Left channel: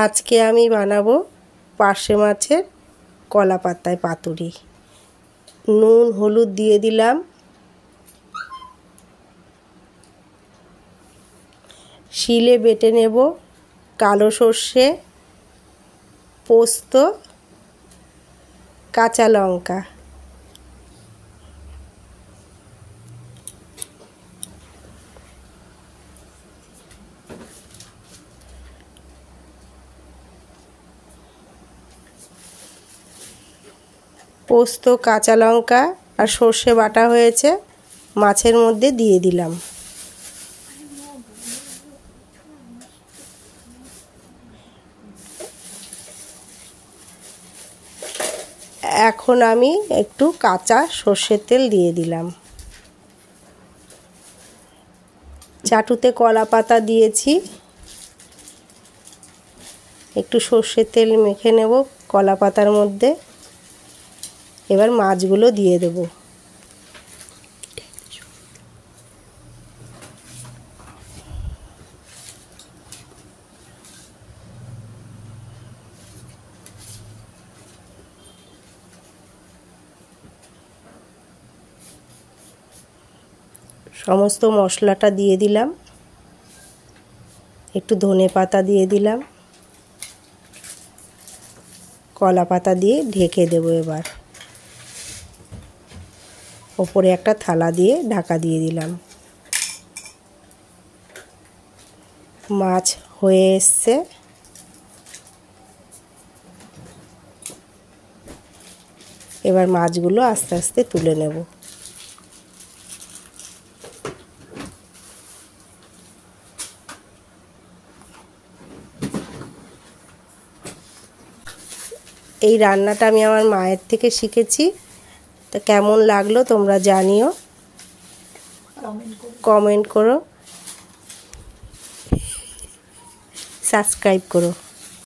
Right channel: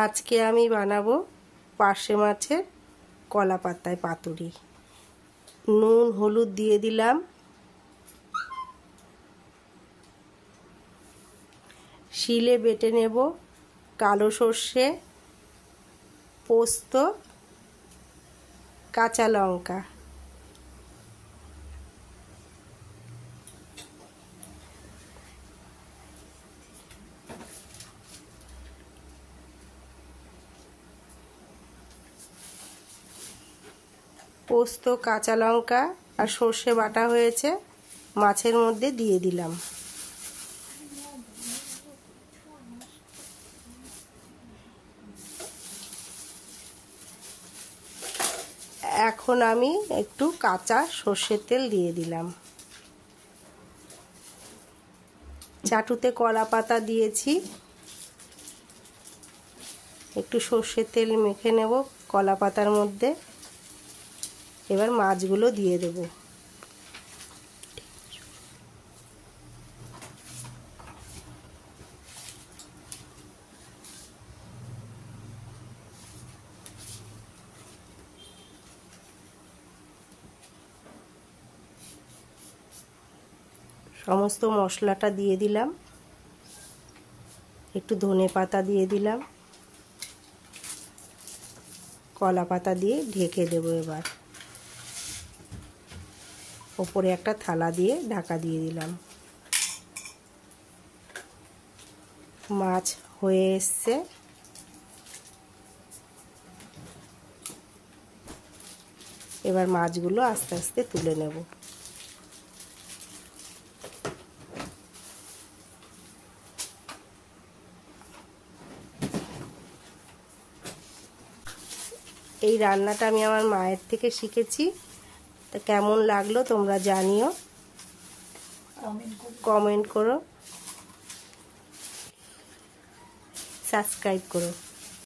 আজকে আমি বানাবো পার্শে মাছের কলা পাতায় পাতুরি। নুন হলুদ দিয়ে দিলাম, শিলে বেটে নেব কালো সর্ষে, পোস্ত, কাঁচা লঙ্কা। পোস্ত, কাঁচা লঙ্কা আর সর্ষে বাটা হয়েছে, মাছের মধ্যে দিয়ে দিলাম। এখন আমি একটু কাঁচা সর্ষের তেল দিয়ে দিলাম। চাটুতে কলা পাতা দিয়েছি, একটু সর্ষের তেল মেখে নেব কলা পাতার মধ্যে। এবার মাছগুলো দিয়ে দেব। সমস্ত মশলাটা দিয়ে দিলাম, একটু ধনে পাতা দিয়ে দিলাম, কলা পাতা দিয়ে ঢেকে দেব। এবার ওপরে একটা থালা দিয়ে ঢাকা দিয়ে দিলাম। মাছ হয়ে এসছে, এবার মাছগুলো আস্তে আস্তে তুলে নেব। এই রান্নাটা আমি আমার মায়ের থেকে শিখেছি। তা কেমন লাগলো তোমরা জানিও, কমেন্ট করো, সাবস্ক্রাইব করো।